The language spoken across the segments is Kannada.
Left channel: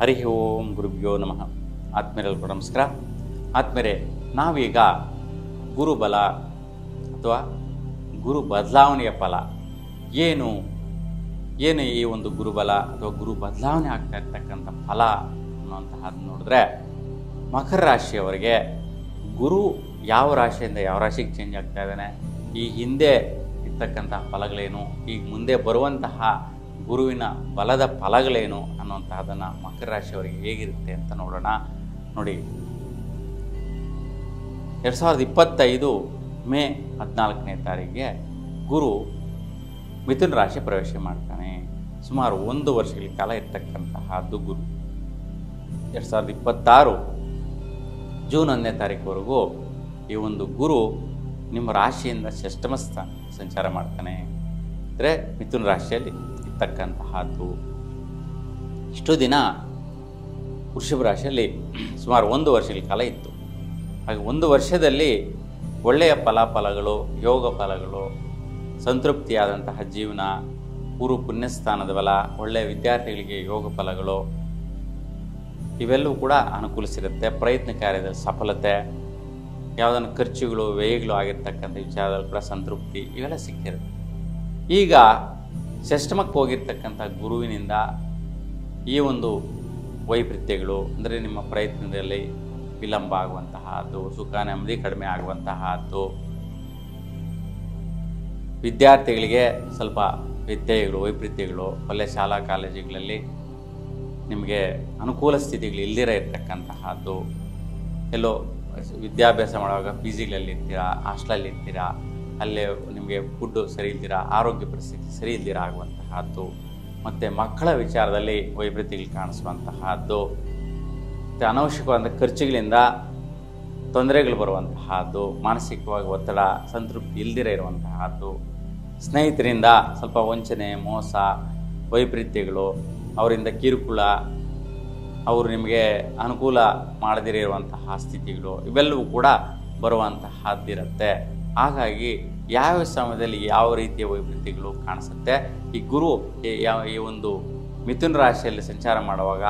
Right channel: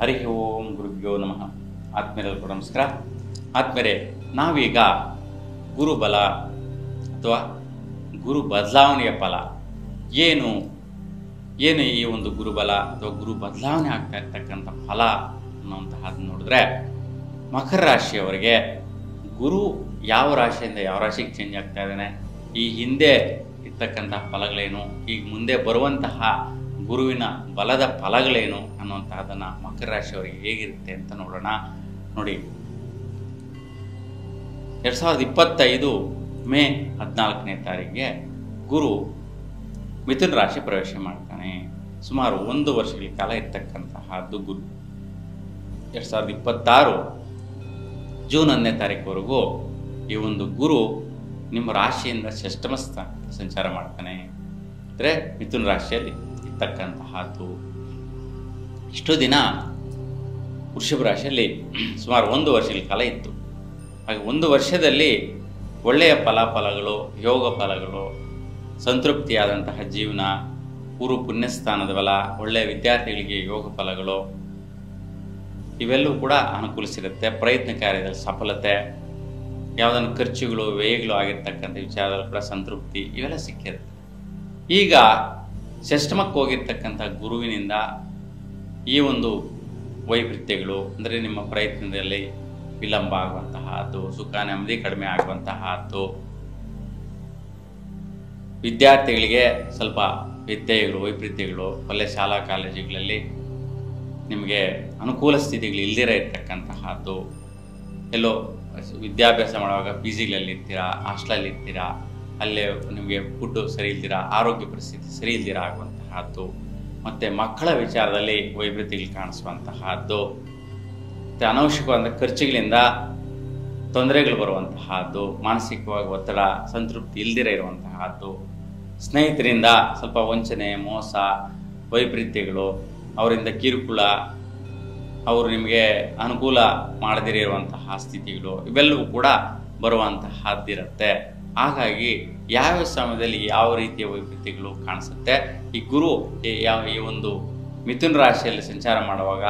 ಹರಿ ಓಂ ಗುರುಭ್ಯೋ ನಮಃ. ಆತ್ಮೀಯರೆಲ್ಲರಿಗೂ ನಮಸ್ಕಾರ. ಆತ್ಮೀಯರೇ, ನಾವೀಗ ಗುರುಬಲ ಅಥವಾ ಗುರು ಬದಲಾವಣೆಯ ಫಲ ಏನು ಈ ಒಂದು ಗುರುಬಲ ಅಥವಾ ಗುರು ಬದಲಾವಣೆ ಆಗ್ತಾ ಇರ್ತಕ್ಕಂಥ ಫಲ ಅನ್ನುವಂತಹದ್ದು ನೋಡಿದ್ರೆ, ಮಕರ ರಾಶಿಯವರಿಗೆ ಗುರು ಯಾವ ರಾಶಿಯಿಂದ ಯಾವ ರಾಶಿಗೆ ಚೇಂಜ್ ಆಗ್ತಾ ಇದ್ದಾನೆ, ಈ ಹಿಂದೆ ಇರ್ತಕ್ಕಂಥ ಫಲಗಳೇನು, ಈಗ ಮುಂದೆ ಬರುವಂತಹ ಗುರುವಿನ ಬಲದ ಫಲಗಳೇನು ಅನ್ನುವಂತಹದನ್ನು ಮಕರ ರಾಶಿಯವರಿಗೆ ಹೇಗಿರುತ್ತೆ ಅಂತ ನೋಡೋಣ. ನೋಡಿ, 2025 ಮೇ 14ನೇ ತಾರೀಕಿಗೆ ಗುರು ಮಿಥುನ ರಾಶಿ ಪ್ರವೇಶ ಮಾಡ್ತಾನೆ. ಸುಮಾರು 1 ವರ್ಷಗಳ ಕಾಲ ಇರ್ತಕ್ಕಂತಹದ್ದು ಗುರು. 2026 ಜೂನ್ 1ನೇ ತಾರೀಕುವರೆಗೂ ಈ ಒಂದು ಗುರು ನಿಮ್ಮ ರಾಶಿಯಿಂದ ಷಷ್ಠಮ ಸ್ಥಾನ ಸಂಚಾರ ಮಾಡ್ತಾನೆ. ಅಂದರೆ ಮಿಥುನ ರಾಶಿಯಲ್ಲಿ ಇರ್ತಕ್ಕಂತಹದ್ದು. ಇಷ್ಟು ದಿನ ವೃಷಭ ರಾಶಿಯಲ್ಲಿ ಸುಮಾರು 1 ವರ್ಷಗಳ ಕಾಲ ಇತ್ತು. ಹಾಗೆ 1 ವರ್ಷದಲ್ಲಿ ಒಳ್ಳೆಯ ಫಲಾಫಲಗಳು, ಯೋಗ ಫಲಗಳು, ಸಂತೃಪ್ತಿಯಾದಂತಹ ಜೀವನ, ಪೂರ್ವ ಪುಣ್ಯಸ್ಥಾನದ ಬಲ, ಒಳ್ಳೆಯ ವಿದ್ಯಾರ್ಥಿಗಳಿಗೆ ಯೋಗ ಫಲಗಳು ಇವೆಲ್ಲವೂ ಕೂಡ ಅನುಕೂಲ ಸಿಗುತ್ತೆ. ಪ್ರಯತ್ನ ಕಾರ್ಯದಲ್ಲಿ ಸಫಲತೆ, ಯಾವುದನ್ನು ಖರ್ಚುಗಳು ವ್ಯಯಗಳು ಆಗಿರ್ತಕ್ಕಂಥ ವಿಚಾರದಲ್ಲಿ ಕೂಡ ಸಂತೃಪ್ತಿ ಇವೆಲ್ಲ ಸಿಕ್ಕಿದೆ. ಈಗ ಷಷ್ಠಮಕ್ಕೆ ಹೋಗಿರ್ತಕ್ಕಂಥ ಗುರುವಿನಿಂದ ಈ ಒಂದು ವೈಪರೀತ್ಯಗಳು, ಅಂದರೆ ನಿಮ್ಮ ಪ್ರಯತ್ನದಲ್ಲಿ ವಿಳಂಬ ಆಗುವಂತಹದ್ದು, ಸುಖ ನೆಮ್ಮದಿ ಕಡಿಮೆ ಆಗುವಂತಹದ್ದು, ವಿದ್ಯಾರ್ಥಿಗಳಿಗೆ ಸ್ವಲ್ಪ ವ್ಯತ್ಯಯಗಳು, ವೈಪರೀತ್ಯಗಳು, ಒಳ್ಳೆಯ ಶಾಲಾ ಕಾಲೇಜುಗಳಲ್ಲಿ ನಿಮಗೆ ಅನುಕೂಲ ಸ್ಥಿತಿಗಳು ಇಲ್ಲದಿರ ಇರ್ತಕ್ಕಂತಹದ್ದು, ಎಲ್ಲೋ ವಿದ್ಯಾಭ್ಯಾಸ ಮಾಡುವಾಗ ಪಿ ಜಿಗಳಲ್ಲಿ ಇರ್ತೀರಾ, ಹಾಸ್ಟೆಲಲ್ಲಿ ಇರ್ತೀರಾ, ಅಲ್ಲೇ ನಿಮಗೆ ಫುಡ್ಡು ಸರಿ ಇಲ್ದಿರ, ಆರೋಗ್ಯ ಪರಿಸ್ಥಿತಿ ಸರಿ ಇಲ್ದಿರ ಆಗುವಂತಹದ್ದು, ಮತ್ತು ಮಕ್ಕಳ ವಿಚಾರದಲ್ಲಿ ವೈಪರೀತ್ಯಗಳು ಕಾಣಿಸುವಂತಹದ್ದು, ಮತ್ತು ಅನವಶ್ಯಕವಾದ ಖರ್ಚುಗಳಿಂದ ತೊಂದರೆಗಳು ಬರುವಂತಹದ್ದು, ಮಾನಸಿಕವಾಗಿ ಒತ್ತಡ, ಸಂತೃಪ್ತಿ ಇಲ್ದಿರ ಇರುವಂತಹದ್ದು, ಸ್ನೇಹಿತರಿಂದ ಸ್ವಲ್ಪ ವಂಚನೆ, ಮೋಸ, ವೈಪರೀತ್ಯಗಳು, ಅವರಿಂದ ಕಿರುಕುಳ, ಅವರು ನಿಮಗೆ ಅನುಕೂಲ ಮಾಡದಿರುವಂತಹ ಸ್ಥಿತಿಗಳು ಇವೆಲ್ಲವೂ ಕೂಡ ಬರುವಂತಹದ್ದಿರುತ್ತೆ. ಹಾಗಾಗಿ ಯಾವ ಸಮಯದಲ್ಲಿ ಯಾವ ರೀತಿಯ ವೈಪರೀತ್ಯಗಳು ಕಾಣಿಸುತ್ತೆ, ಈ ಗುರು ಈ ಒಂದು ಮಿಥುನ ರಾಶಿಯಲ್ಲಿ ಸಂಚಾರ ಮಾಡುವಾಗ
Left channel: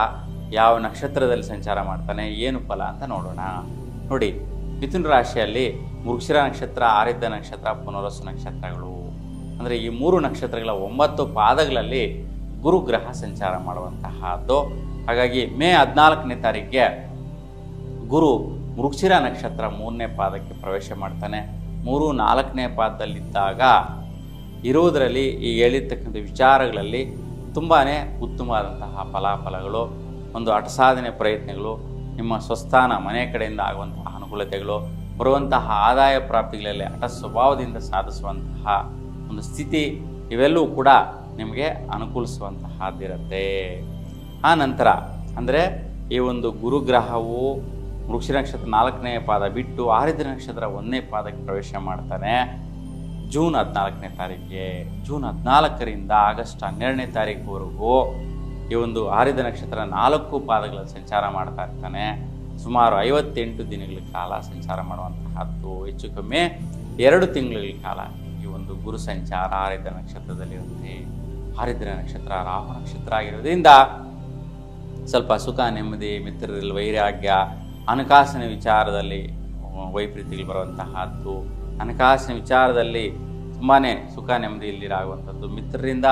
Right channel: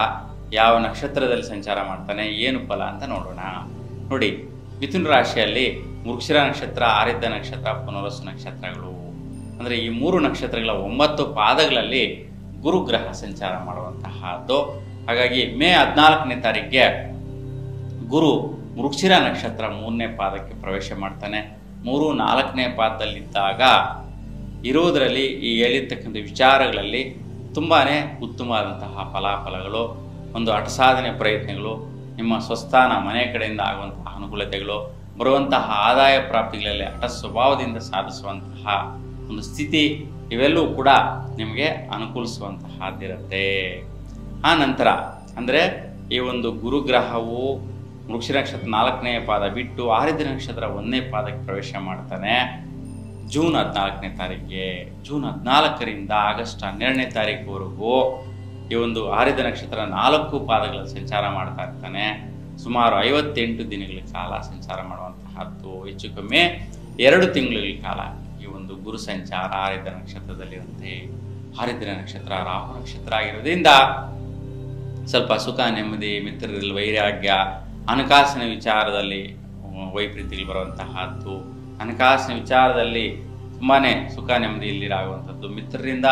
ಯಾವ ನಕ್ಷತ್ರದಲ್ಲಿ ಸಂಚಾರ ಮಾಡ್ತಾನೆ, ಏನು ಫಲ ಅಂತ ನೋಡೋಣ. ನೋಡಿ, ಮಿಥುನ ರಾಶಿಯಲ್ಲಿ ಮೃಗಶಿರ ನಕ್ಷತ್ರ, ಆರಿದ್ಧ ನಕ್ಷತ್ರ, ಪುನರ್ವಸು ನಕ್ಷತ್ರಗಳು, ಅಂದರೆ ಈ 3 ನಕ್ಷತ್ರಗಳ 9 ಪಾದಗಳಲ್ಲಿ ಗುರುಗ್ರಹ ಸಂಚಾರ ಮಾಡುವಂತಹದ್ದು. ಹಾಗಾಗಿ ಮೇ 14ನೇ ತಾರೀಕಿಗೆ ಗುರು ಮೃಗಶಿರ ನಕ್ಷತ್ರ 3ನೇ ಪಾದಕ್ಕೆ ಪ್ರವೇಶ ಮಾಡ್ತಾನೆ. 3, 4ನೇ ಪಾದದಲ್ಲಿದ್ದಾಗ ಇರುವುದರಲ್ಲಿ ಈ ಹೇಳಿರ್ತಕ್ಕಂಥ ವಿಚಾರಗಳಲ್ಲಿ ತುಂಬಾ ಉತ್ತಮವಾದಂತಹ ಫಲಾಫಲಗಳು, ಒಂದು ಅಟಸಾಧನೆ ಪ್ರಯತ್ನಗಳು, ನಿಮ್ಮ ಸ್ವಸ್ಥಾನ ಮನೆ ಕಡೆಯಿಂದ ಆಗುವಂತಹ ಅನುಕೂಲತೆಗಳು, ಬರುವಂತಹ ಆದಾಯ ಪ್ರಾಪ್ತಿಗಳಲ್ಲಿ ಹಠ ಸ್ವಭಾವದಿಂದ ಸಾಧಿಸುವಂತಹ ಒಂದು ಸ್ಥಿತಿ ಇವೆಲ್ಲವೂ ಕೂಡ ನಿಮಗೆ ಅನುಕೂಲಿಸುವಂತಹದ್ದಿರುತ್ತೆ. ಆ ನಂತರ ಅಂದರೆ ಈ ಒಂದು ಗುರುಗ್ರಹವು ಮೃಗಶಿರ ನಕ್ಷತ್ರ 4ನೇ ಪಾದ ಬಿಟ್ಟು ಆರಿದ್ಧ ನಕ್ಷತ್ರ 1ನೇ ಪಾದಕ್ಕೆ ಪ್ರವೇಶ ಮಾಡ್ತಾನೆ ಜೂನ್ 14ನೇ ತಾರೀಕಿಗೆ. ಜೂನ್ 14ರಿಂದ ಆಗಸ್ಟ್ 12ನೇ ತಾರೀಕುವರೆಗೂ ಈ ಒಂದು ಆರಿದ್ಧ ನಕ್ಷತ್ರ 4 ಪಾದಗಳಲ್ಲಿ ಸಂಚಾರ ಮಾಡ್ತಾ ಇರ್ತಾನೆ. ಸುಮಾರು 58 ದಿನಗಳ ಕಾಲ ಸಂಚಾರ ಮಾಡುವಂತಹದ್ದು. ಹೆಚ್ಚು ಕಮ್ಮಿ 2 ತಿಂಗಳ ಕಾಲ ಈ ಒಂದು ಗುರು ಸಂಚಾರ ಆರಿದ್ಧ ನಕ್ಷತ್ರದಲ್ಲಿರುತ್ತೆ. ಆರಿದ್ಧ ನಕ್ಷತ್ರ ರಾಹು ನಕ್ಷತ್ರ ಆಗಿರೋದ್ರಿಂದ ಸ್ವಲ್ಪ ಸುಖ ನೆಮ್ಮದಿ, ಮಿತ್ರರಲ್ಲಿ ವೈರಾಗ್ಯ, ಹಣಕಾಸಿನ ವಿಚಾರದಲ್ಲಿ ವೈಪರೀತ್ಯಗಳು ಬರುವಂತಹದ್ದು, ಹಣಕಾಸಿನ ವಿಚಾರದಲ್ಲಿ ತುಂಬಾ ಸುಖ ನೆಮ್ಮದಿ ಇಲ್ಲಿರಾಗುವಂಥದ್ದು, ಮಿತ್ರರಿಂದ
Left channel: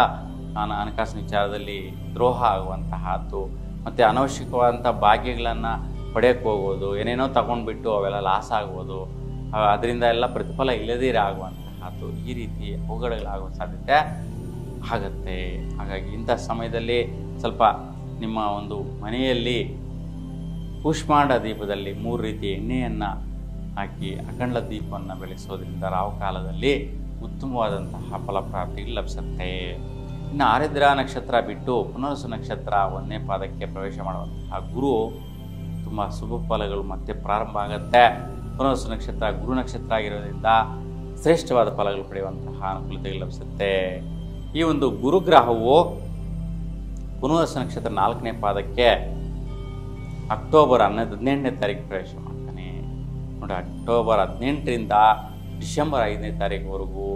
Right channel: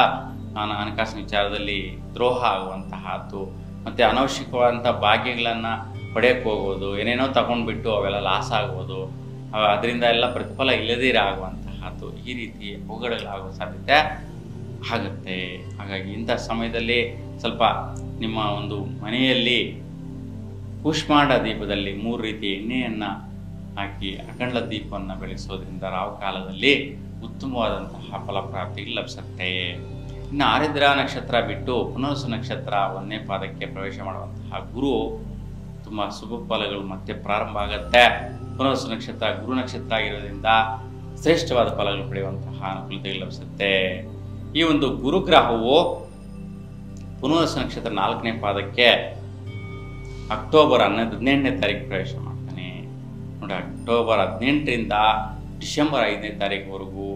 ಹಣಕಾಸಿನ ವಿಚಾರದಲ್ಲಿ ದ್ರೋಹ ಆಗುವಂತಹದ್ದು, ಮತ್ತು ಅನವಶ್ಯಕವಾದಂಥ ಭಾಗ್ಯಗಳನ್ನು ಪಡೆಯಕ್ಕೆ ಹೋಗೋದು, ಏನೇನೋ ತಗೊಂಡ್ಬಿಟ್ಟು ಅವೆಲ್ಲ ಲಾಸ್ ಆಗ್ಬೋದು, ಅದರಿಂದ ಎಲ್ಲ ಪ್ರತಿಫಲ ಇಲ್ಲದೇ ಆಗುವಂತಹದ್ದು, ಈ ರೀತಿ ಹೋಗಡಗಳಾಗೋ ಸಾಧ್ಯತೆ ಆಗುತ್ತೆ. ಹಾಗಾಗಿ ಇಂಥ ಸಮಯದಲ್ಲಿ ಸ್ವಲ್ಪ ನಿಮ್ಮ ಒಂದು ಮನೆಯಲ್ಲಿ ಕೂಷ್ಮಾಂಡ ದೀಪದಲ್ಲಿ 3 ರೀತಿಯ ಎಣ್ಣೆಯನ್ನು ಹಾಕಿ ಅಖಂಡ ದೀಪವನ್ನು ಬೆಳೆಸೋದ್ರಿಂದ ರಾಹು ಕಾಲದಲ್ಲಿ ಉತ್ತಮವಾದಂತಹ ಫಲಪ್ರಾಪ್ತಿಗಳು ಲಭಿಸುತ್ತೆ. ಇನ್ನು ಆರಿದ್ರ ನಕ್ಷತ್ರ ಬಿಟ್ಟು ಪುನರ್ವಸು ನಕ್ಷತ್ರ 1ನೇ ಪಾದಕ್ಕೆ ಪ್ರವೇಶ ಮಾಡುವಂತಹ ಗುರು ತುಂಬ ಶುಭ ಫಲಗಳು ಮತ್ತೆ ಪ್ರಾರಂಭ ಆಗುತ್ತೆ. ಪುನರ್ವಸು ನಕ್ಷತ್ರ ಗುರು ನಕ್ಷತ್ರ ಆಗಿರೋದ್ರಿಂದ ಶ್ರೇಷ್ಠವಾದ ಫಲಗಳು ಪಡೆಯುವಂತಹ ಅನುಕೂಲತೆಗಳು ಲಭಿಸುತ್ತೆ. ಈ ಒಂದು ಗುರುಗ್ರಹವು ಪುನರ್ವಸು ನಕ್ಷತ್ರ 4ನೇ ಪಾದಕ್ಕೆ ಅಕ್ಟೋಬರ್ 18ನೇ ತಾರೀಕು ಪ್ರವೇಶ ಮಾಡ್ತಾನೆ. ನೋಡಿ, ಅಕ್ಟೋಬರ್ 18ರಿಂದ ಡಿಸೆಂಬರ್ 5ನೇ ತಾರೀಕುವರೆಗೂ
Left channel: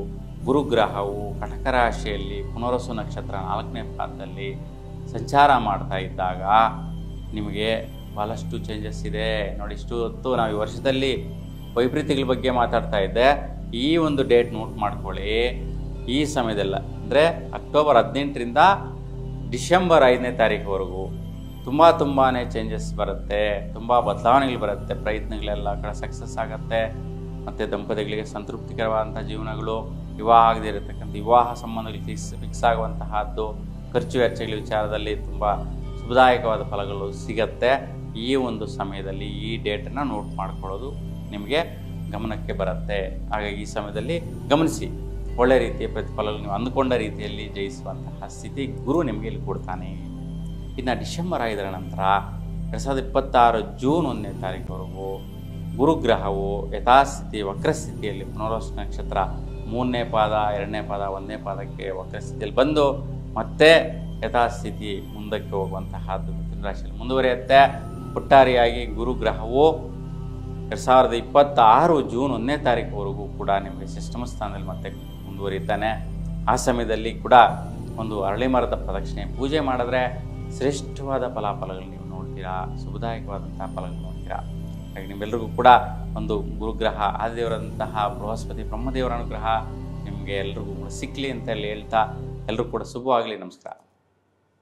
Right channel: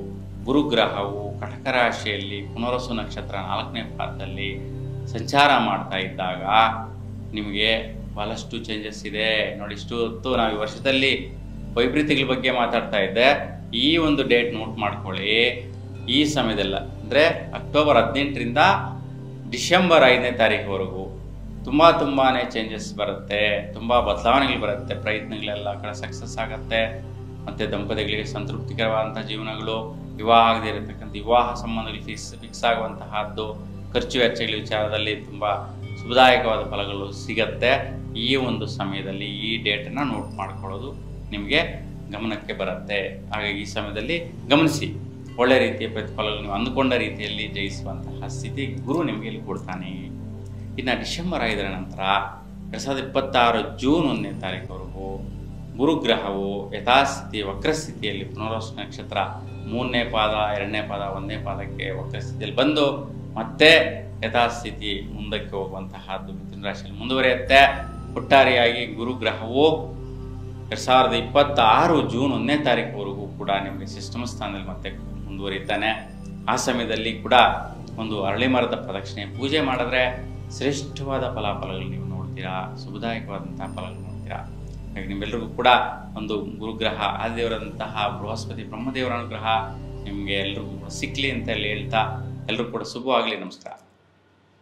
ಗುರುಗ್ರಹವು ಕಟಕ ರಾಶಿಯಲ್ಲಿ ಪುನರ್ವಸು ನಕ್ಷತ್ರ 4ನೇ ಪಾದದಲ್ಲಿ ಸಂಚಾರ ಮಾಡ್ತಾ ಇದ್ದಾಗ ನಿಮಗೆ ಭಾಳಷ್ಟು ಚೇಂಜಸ್ ಇದೆ ನೋಡಿ. ಇಷ್ಟು ಹೊತ್ತು ನಾವು ಈ ವರ್ಷದಲ್ಲಿ ವೈಪರೀತ್ಯಗಳ ಬಗ್ಗೆ ಮಾತಾಡ್ತಾ ಇದ್ದೆ. ಈ ಒಂದು ಡೇಟ್ ನೋಟ್ ಮಾಡ್ಕೊಳ್ಳಿ. ಈ ಸಮಯದಲ್ಲ ಅಂದರೆ ಅಕ್ಟೋಬರ್ 18ರಿಂದ ಡಿಸೆಂಬರ್ 5ನೇ ತಾರೀಕುವರೆಗೂ ತುಂಬಾ ಚೇಂಜಸ್ ಬರುತ್ತೆ, ತುಂಬ ಬದಲಾವಣೆಗಳು ಬರುತ್ತೆ. ಪ್ರಯತ್ನಗಳೆಲ್ಲ ಕಡೆ ಸಕ್ಸಸ್ ಆಗುತ್ತೆ. ಮತ್ತು ದಂಪತಿಗಳಿಗೆ ಸಂತೃಪ್ತಿಕರವಾದಂಥ ಜೀವನಗಳು, ವಿವಾಹ ಆಗದೇ ಇರತಕ್ಕಂಥ ವಿವಾಹ ಸಂಬಂಧಗಳು ಫಿಕ್ಸ್ ಆಗುವಂತಹದ್ದು, ಖರ್ಚು ವೆಚ್ಚಗಳ ವಿಚಾರದಲ್ಲಿ ತುಂಬ ಶುಭದಾಯಕವಾದ ಫಲಗಳು ಸಿಗತ್ತೆ. ಈ ಒಂದು ಸಮಯದಲ್ಲಿ ಈ ಡೇಟನ್ನು ನೋಟ್ ಮಾಡ್ಕೊಳ್ಳೋದು ನಿಮಗೆ ಗಮನಕ್ಕೆ ಬರುತ್ತೆ. ಹಾಗಾಗಿ ಈ ಸಮಯದಲ್ಲಿ ಗಮನಿಸಿ, ಒಳ್ಳೆ ರೀತಿಯ ಪ್ರತಿಫಲಗಳು ನೀವು ಅಂದುಕೊಂಡ ರೀತಿಯಲ್ಲಿ ಜಯಿಸುವಂತಹ ಸ್ಥಿತಿ ಗುರು ನಿಮಗೆ ಇಲ್ಲಿ ಕೊಡ್ತಾನೆ. ಇನ್ನು ಡಿಸೆಂಬರ್ 5ರ ನಂತರ 2026 ಜೂನ್ 1ನೇ ತಾರೀಕುವರೆಗೂ ಗುರುಗ್ರಹವು ಯಥಾಸ್ಥಿತಿ ವಕ್ರಸ್ಥಿತಿಯಲ್ಲಿ ಪುನರ್ವಸು ನಕ್ಷತ್ರ 3ನೇ ಪಾದ 2ನೇ ಪಾದ 1ನೇ ಪಾದಕ್ಕೆ ವಕ್ರಸ್ಥಿತಿಯಲ್ಲಿ ಬಂದು ಮತ್ತೆ ಯಥಾಸ್ಥಿತಿ ಮುಂದಕ್ಕೆ ಹೋಗುವಂತಹದ್ದು ಮಿಥುನ ರಾಶಿಯಲ್ಲಿ ಮುಂದುವರಿಯುತ್ತೆ. ಒಟ್ಟಾರೆಯಾಗಿ ಗುರುಗ್ರಹವು 2026 ಜೂನ್ 1ನೇ ತಾರೀಕುವರೆಗೂ ಕೂಡ ನಿಮಗೆ ಸಿಸ್ಟಮ್ ಸ್ಥಾನದಲ್ಲಿ ಮತ್ತೆ ಮುಂದುವರಿತಾನೆ. ಆ ಸಮಯದಲ್ಲಿ ಕೂಡ ಒಂದು ಅರಳಿ ಮರದ ಪ್ರದಕ್ಷಿಣೆ ಪೂಜೆ ಮಾಡಿದ್ರೆ ಶ್ರೇಷ್ಠವಾದ ಫಲಾಫಲಗಳು ನೀವು ನೋಡ್ತೀರಾ, ಶುಭದಾಯಕವಾದಂತಹ ಫಲಗಳು ನೋಡ್ತೀರಾ. ಹಾಗೆ ನಿಮ್ಮೆಲ್ಲರಿಗೂ ಕೂಡ ಒಂದು ಗುರುಗ್ರಹ ಆದಿದೇವರಂತಹ ಬೃಹಸ್ಪತಿ ಬ್ರಹ್ಮದೇವರ ಅನುಗ್ರಹ ನಿಮಗೆ ಎಲ್ರಿಗೂ ಸಿಕ್ಕಲಿ ಅಂತ ಹೇಳಿ ಹೇಳ್ತಾ ಎಲ್ಲರೂ ಕೂಡ ಶುಭವಾಗಲಿ. ನಮಸ್ಕಾರ.